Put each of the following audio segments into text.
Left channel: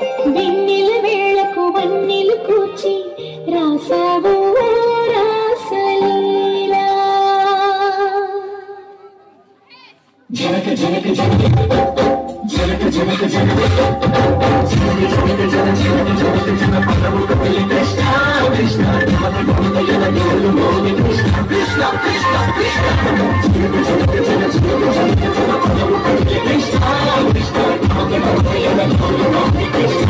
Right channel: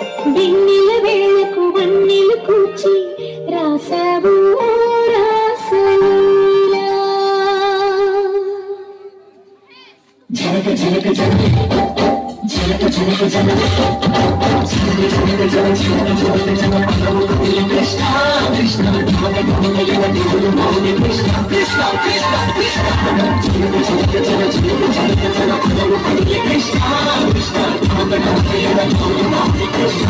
వెన్నెల వేళకు వన్నెలు కూర్చి రాసావు రాసలీలా జనక జనక జనక జనక జనక జనక కృష్ణ కృష్ణ కృష్ణ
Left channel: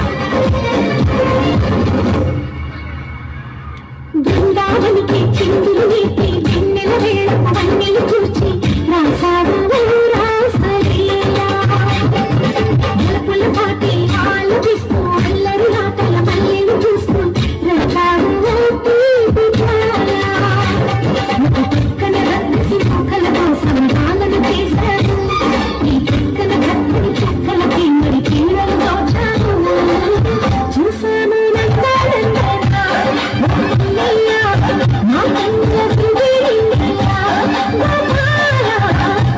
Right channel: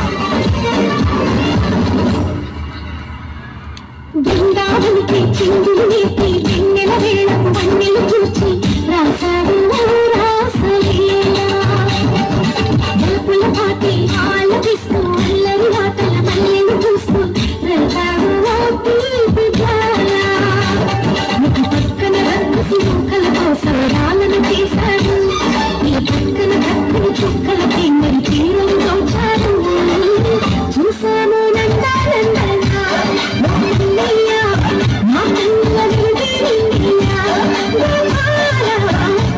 బృందావనికి చిందులు నేర్పి వెన్నెల వేళకు వన్నెలు కూర్చి రాసావు రాసలీలా బలపుల పాటి ఆలపిస్తూ అల్లరి నాటల మల్లెలు చూస్తూ రకాలు తీపి జాలా ఒక పక్కన రక్కసి చుక్కల కోసం పాలన చేశారు ఈ పక్కన కక్కుని చుక్కలకి మరి తీరం దోచారు చూసాను నందానందనా మా కన్నుల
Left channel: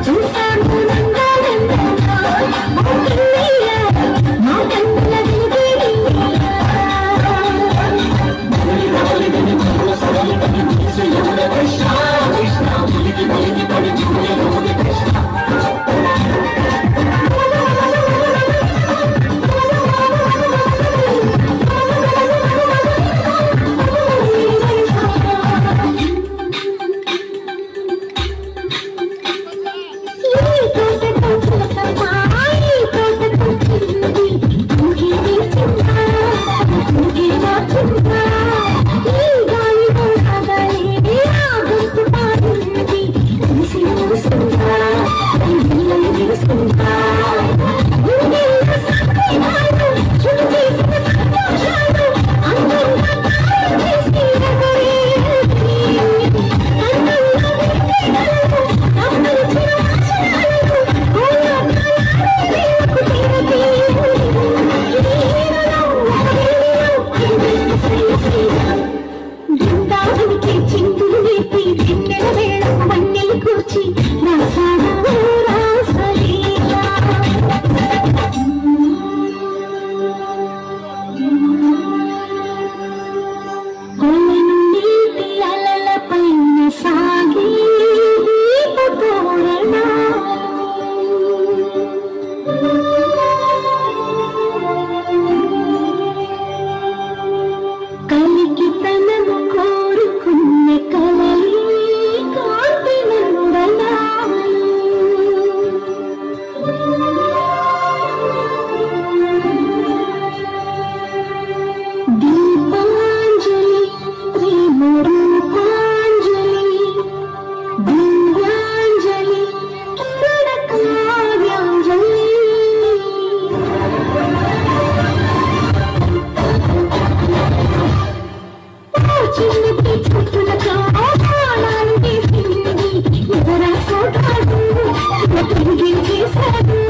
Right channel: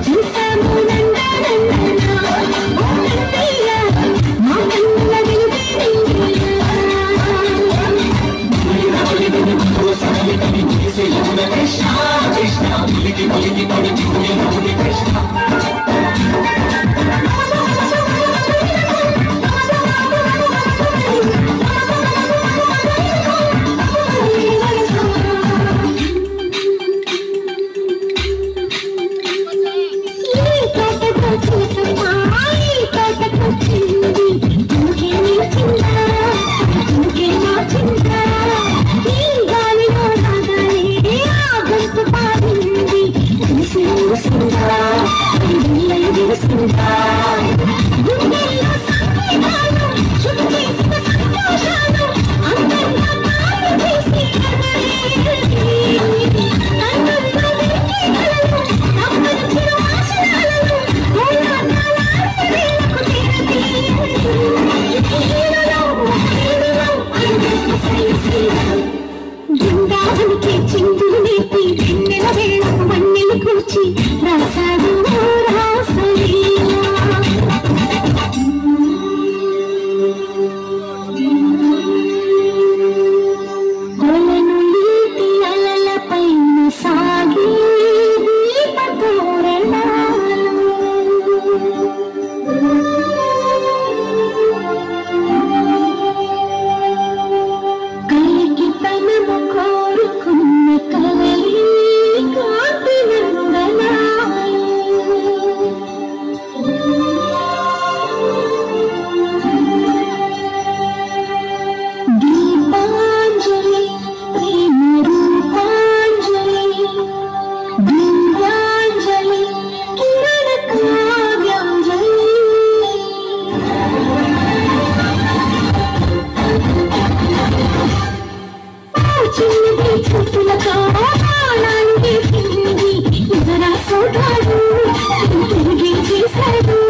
చూసాను నందానందనా మా కన్నుల బృందావనికి చిందులు నేర్పి వెన్నెల వేళకు వన్నెలు కూర్చి రాసావు రాసలీలా అలను నీటి అలలపైన సాగి కలికి తనము కోరుకున్న కలలి కాంతి నందనాలు దీపాంజలి ప్రేమ రూపాంజలి దివ్యాంజలి కిరణ కావ్యాంజలి చిన్నది చుట్టుల కాలాలు వేసింది ఇతర సోటాలు తిరిగి చేశాడు